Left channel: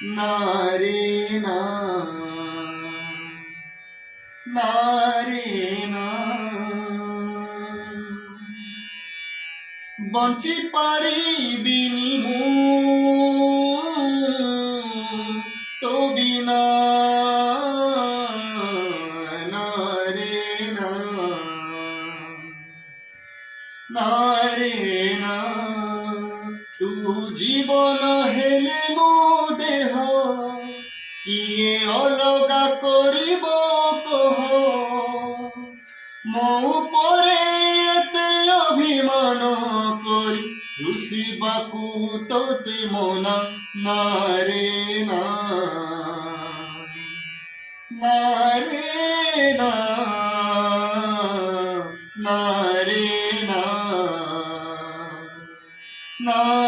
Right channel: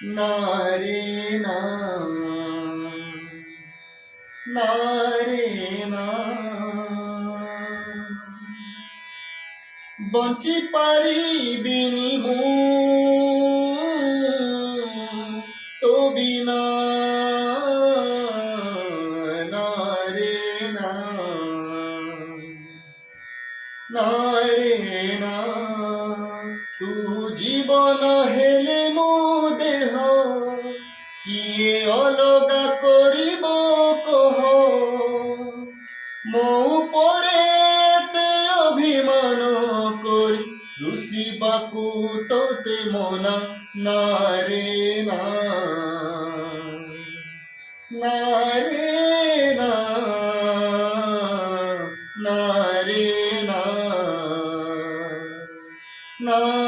না রে না, না রে না। বঞ্চি পারিবিনি মু তো বিনা, না রে না, না রে না। তু জীবন হেলে মো দেহ কিয়ে অলগা করিব কহ। ମୋ ଉପରେ ଏତେ ଅଭିମାନ କରି ରୁଷିବାକୁ ତୋତେ ମନା, ନା ରେ ନା, ନା ରେ ନା, ନା ରେ ନା, ନା